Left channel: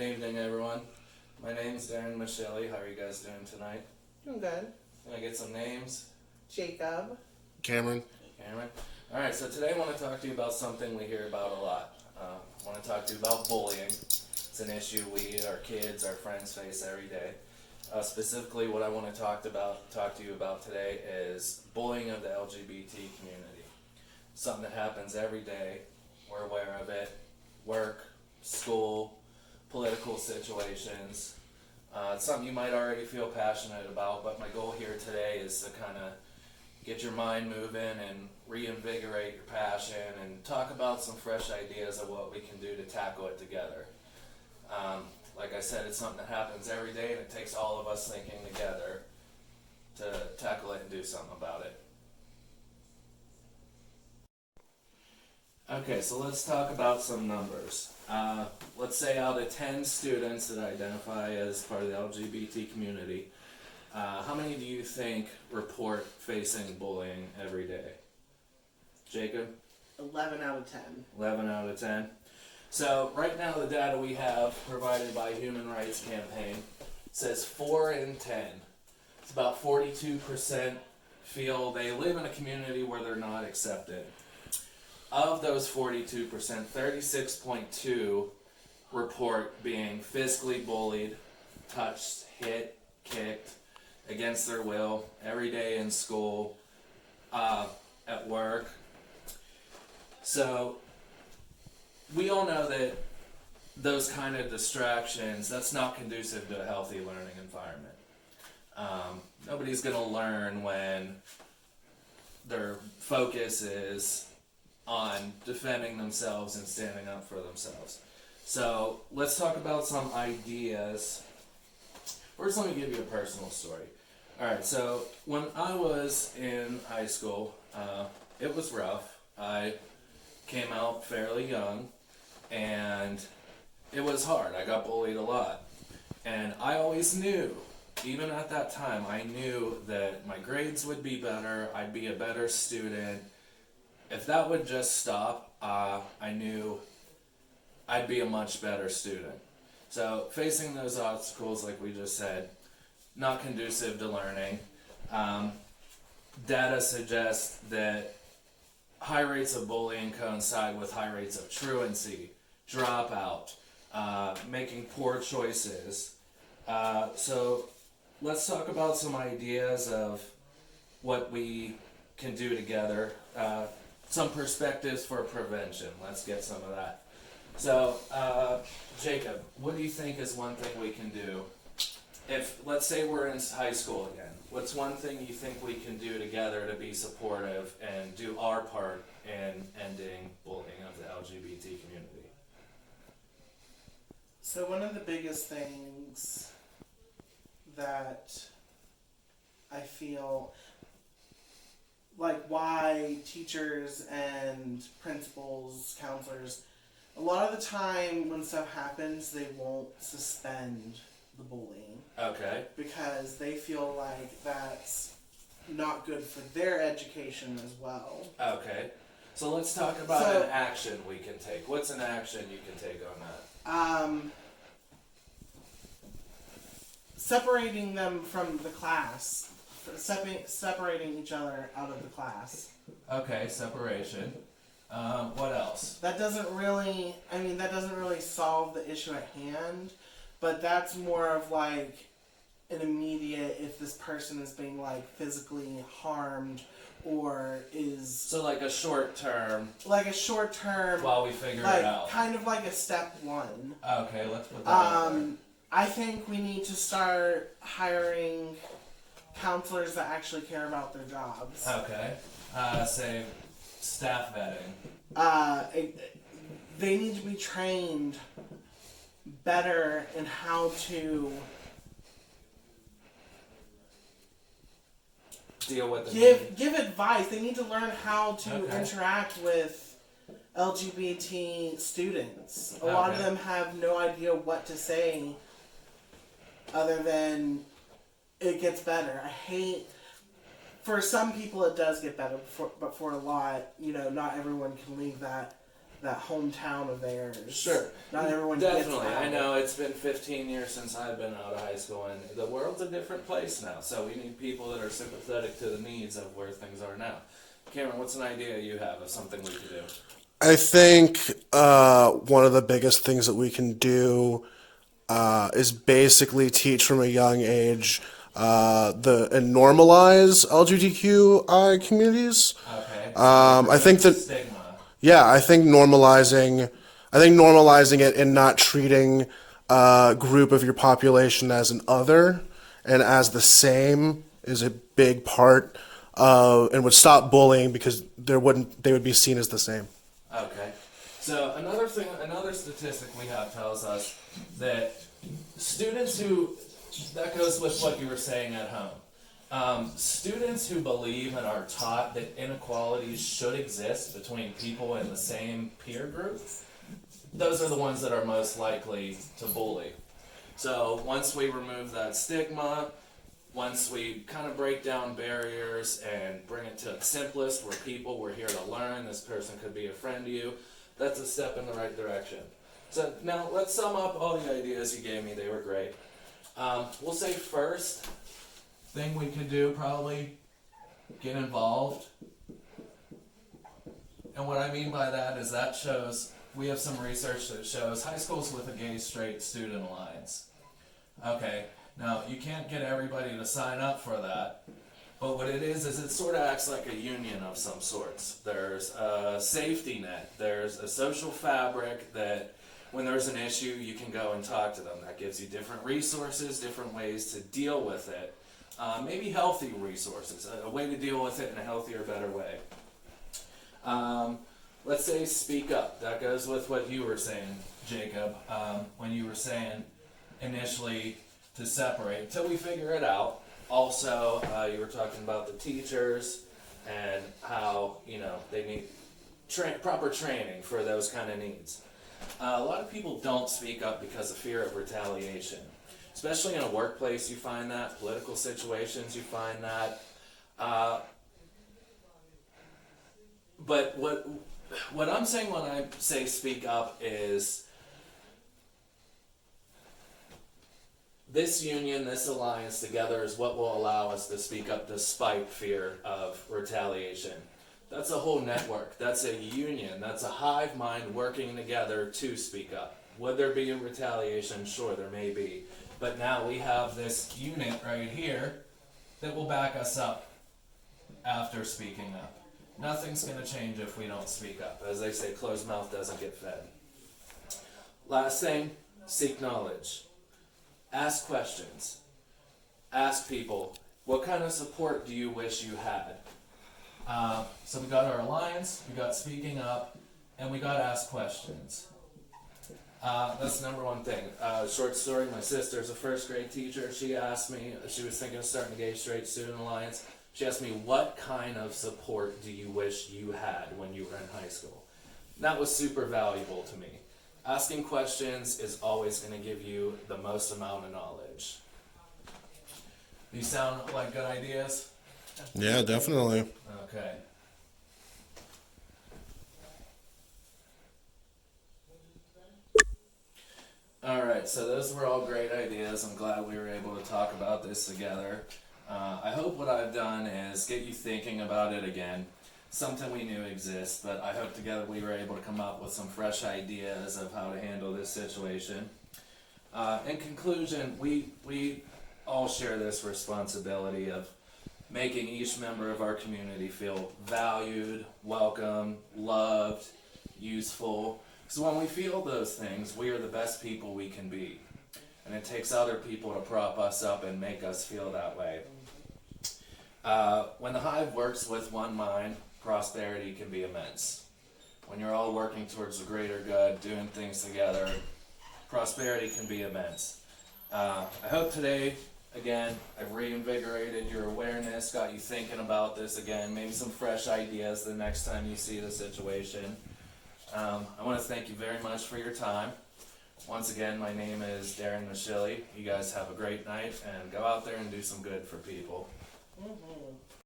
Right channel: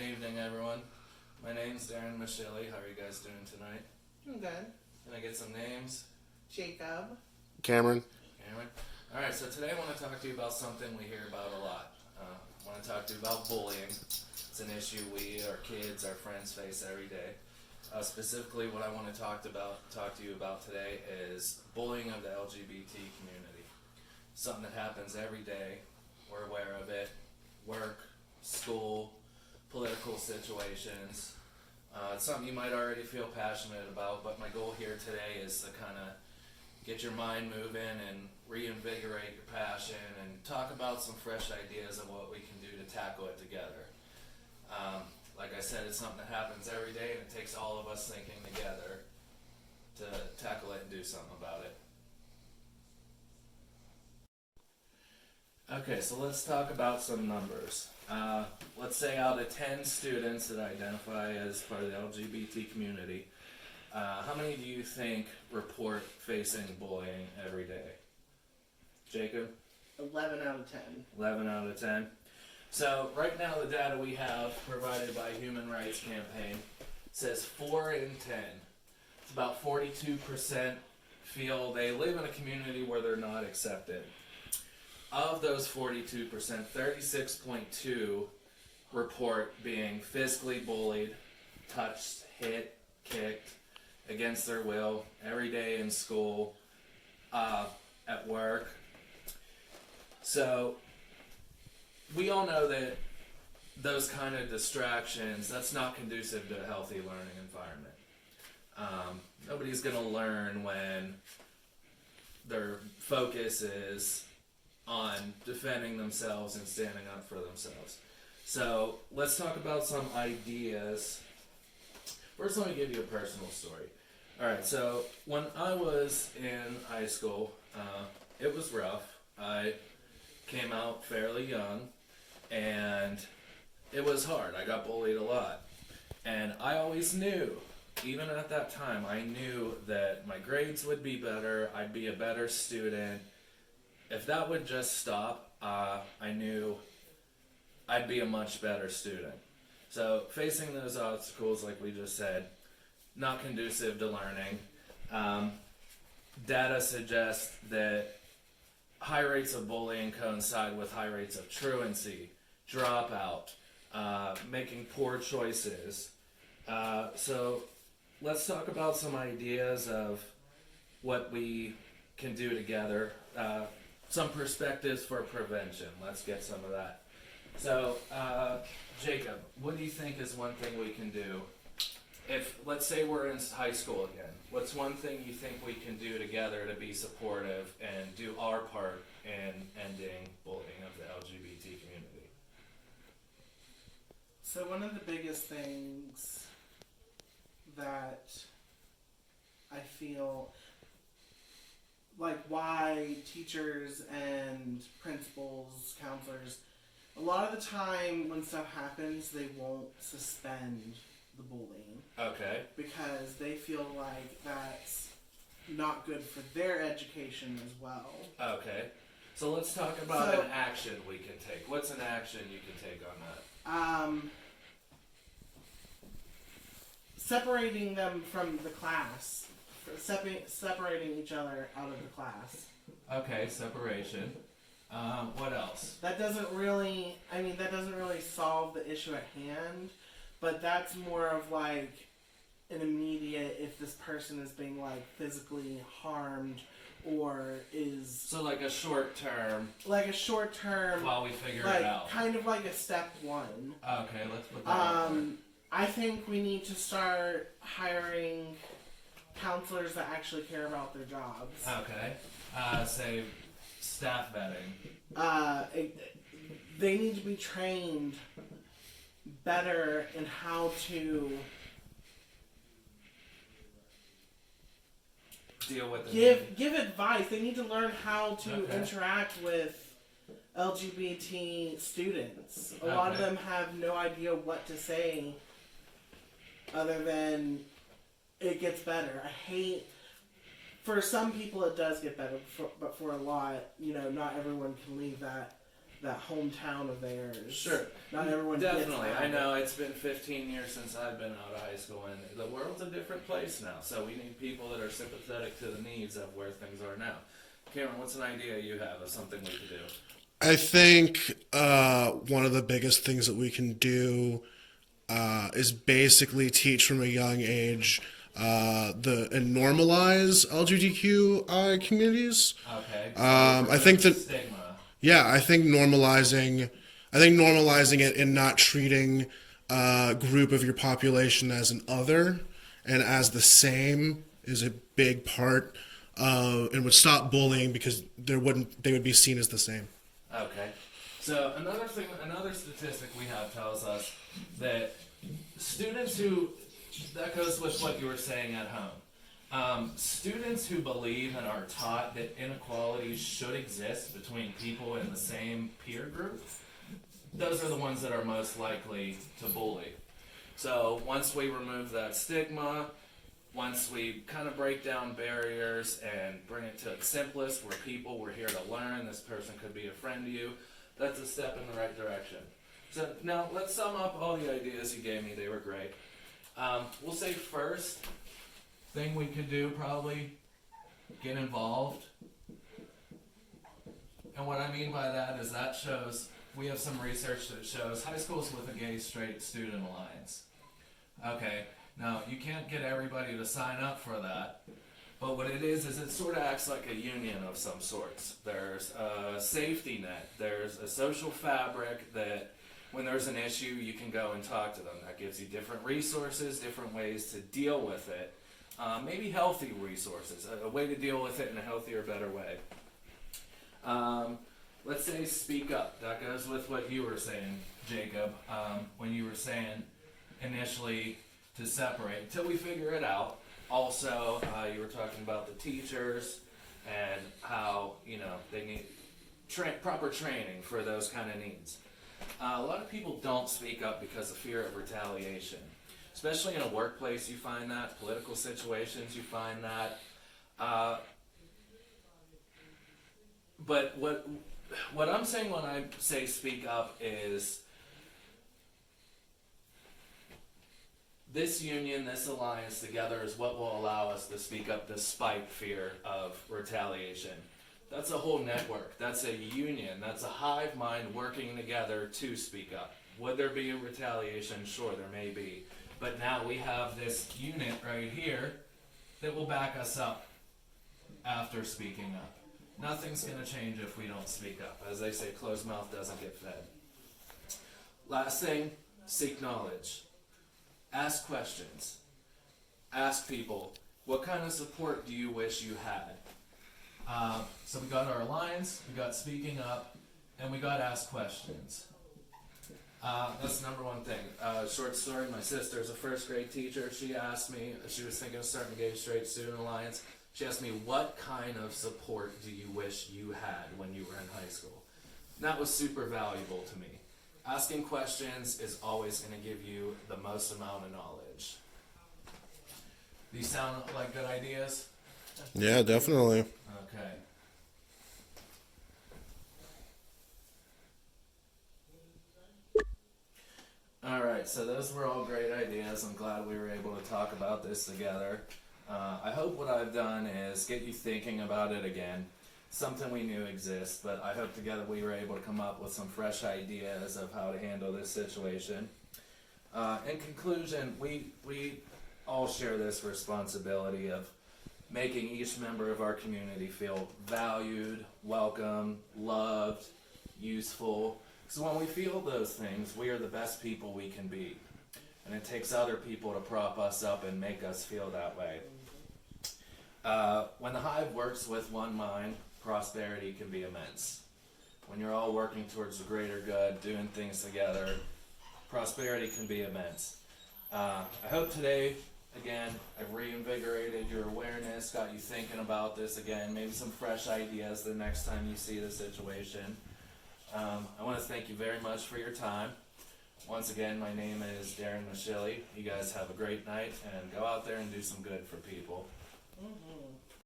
Good evening, everyone. My name's Darren Michelli. How are you guys doing tonight? Doing good. Can I get some names? Jacob. Cameron. Alright, so today I want to talk to you about something we hear about a lot. I want to talk to you about bullying. It's an issue we, our kids, our friends face every day. Specifically, what I want to talk to you about today is bullying of the LGBT community. Something that happens every day. We're aware of it. Work, school, political situations. It's something you might already feel passionate about, but my goal here today is to kind of get your mind moving and reinvigorate your passion and talk about some fresh ideas of what we can do to tackle it together. Like I said, it's something that happens every day, and it takes all of us thinking together to tackle it and do something about it. Okay, so let's talk about some numbers. Let's say out of 10 students that identify as part of the LGBT community, how many do you think report facing bullying every day? Jacob? 11 out of 10. 11 out of 10. So right now the data we have provided by Human Rights Campaign says 4 in 10. It's about 42% feel they live in a community where they're not accepted. Of those 42%, 36.2 report being physically bullied, touched, hit, kicked, against their will, every day in school, at work. So we all know that those kind of distractions, that's not conducive to a healthy learning environment. Nobody's going to learn when their focus is on defending themselves and standing up for themselves. So let's talk about some ideas. First, let me give you a personal story. Alright, so when I was in high school, it was rough. I came out fairly young, and it was hard. I got bullied a lot. And I always knew, even at that time, I knew that my grades would be better, I'd be a better student. If that would just stop, I knew I'd be a much better student. So facing those obstacles, like we just said, not conducive to learning. Data suggests that high rates of bullying coincide with high rates of truancy, dropout, making poor choices. So let's talk about some ideas of what we can do together. Some perspectives for prevention. Let's get some of that. So, Jacob, what do you think is one thing we can do? If, let's say we're in high school again, what's one thing you think we can do together to be supportive and do our part in ending bullying of the LGBT community? So one of the biggest things that I feel like why teachers and principals, counselors, a lot of the time when stuff happens, they won't suspend the bullying. Okay. Because they feel like that's not good for their education as well. Okay. So let's talk about an action we can take. What's an action you can take on that? Separating them from the class. Separating each other out of the class. Okay, separation. What else? That doesn't really solve the issue at hand, but that's more of like an immediate, if this person is being like physically harmed or is... So like a short term. While we figure it out. Kind of like a step one. Okay, let's put that out there. I think we need to start hiring counselors that actually care about their jobs. Okay. Say staff vetting. They need to be trained better in how to deal with it. Give advice. They need to learn how to interact with LGBT students. A lot of them have no idea what to say other than it gets better. For some people it does get better, but for a lot, not everyone can leave that that hometown of theirs. Sure. Not everyone Definitely. gets I that. know it's been 15 years since I've been out of high school, and the world's a different place now. So we need people that are sympathetic to the needs of where things are now. Cameron, what's an idea you have of something we could do? I think one of the biggest things that we can do is basically teach from a young age and normalize LGBTQI communities. Okay. I think that Stigma. yeah, I think normalizing it and not treating a group of your population as an other and as the same is a big part and would stop bullying because they would be seen as the same. Okay. So another statistic we have tells us that that goes with what you were saying at home. Students who believe and are taught that inequalities should exist between people in the same peer group, those are the ones that are most likely to bully. So once we remove that stigma, once we kind of break down barriers and bring it to its simplest, we're here to learn, this person could be a friend to you, that's a step in the right direction. So now let's sum up all the ideas you gave me, they were great. We'll say first thing we could do, probably get involved. And what I mean by that is we have some research that shows high schools with a gay straight student alliance. Okay, now you can't get everybody to sign up for that, but what it is it sort of acts like a union of some sorts. There's a safety net, there's a social fabric that when there's an issue you can go and talk to them. That gives you different resources, different ways to deal with it. Maybe healthy resources, a way to deal with it in a healthier, better way. Let's say speak up. That goes with what you were saying, Jacob, when you were saying initially to separate until we figure it out. Also, you were talking about the teachers and how they need proper training for those kind of needs. A lot of people don't speak up because of fear of retaliation. Especially in a workplace, you find that. Political situations, you find that. But what I'm saying when I say speak up is this union, this alliance together is what will allow us to speak up despite fear of retaliation. That's a whole network. That's a union. That's a hive mind working together to speak up. Would there be a retaliation? Sure, there may be. But now we have this unit right here that will back us up after speaking up. Nothing's going to change if we don't speak up. As they say, closed mouth doesn't get fed. Last thing, seek knowledge. Ask questions. Ask people, what kind of support do you wish you had? So we got our alliance, we got speaking up, and we got ask questions. That's the number one thing. Short story, my sister's a first grade teacher. She asked me, she was thinking of starting a gay straight student alliance. She asked me, what kind of support do you wish you had when you were in high school? And that was super valuable to me. Asking questions is always going to give you the most amount of knowledge. These sound like good ideas? Yeah, definitely. Okay. Alright, so those were all great ideas. I'm glad we were able to talk about this together. I hope what I've done is get you thinking about it again. Something we knew exists, but I hope together we were able to come up with some fresh ideas of how to handle this situation. In conclusion, we all share this responsibility of making each member of our community feel valued, welcome, loved, useful. So when we feel those things, we are the best people we can be. And it takes other people to prop us up and make us feel that way. When the hive works with one mind, prosperity can be immense. When you're all working towards the greater good, doing things together, prosperity can be immense. I hope today, again, I've reinvigorated your awareness, got you thinking about this again, maybe some fresh ideas the next time you see the situation. I want to thank you very much for your time. Once again, my name is Darren Mashilly. You guys have a great night and go out there and do some good for people. Mm-hmm.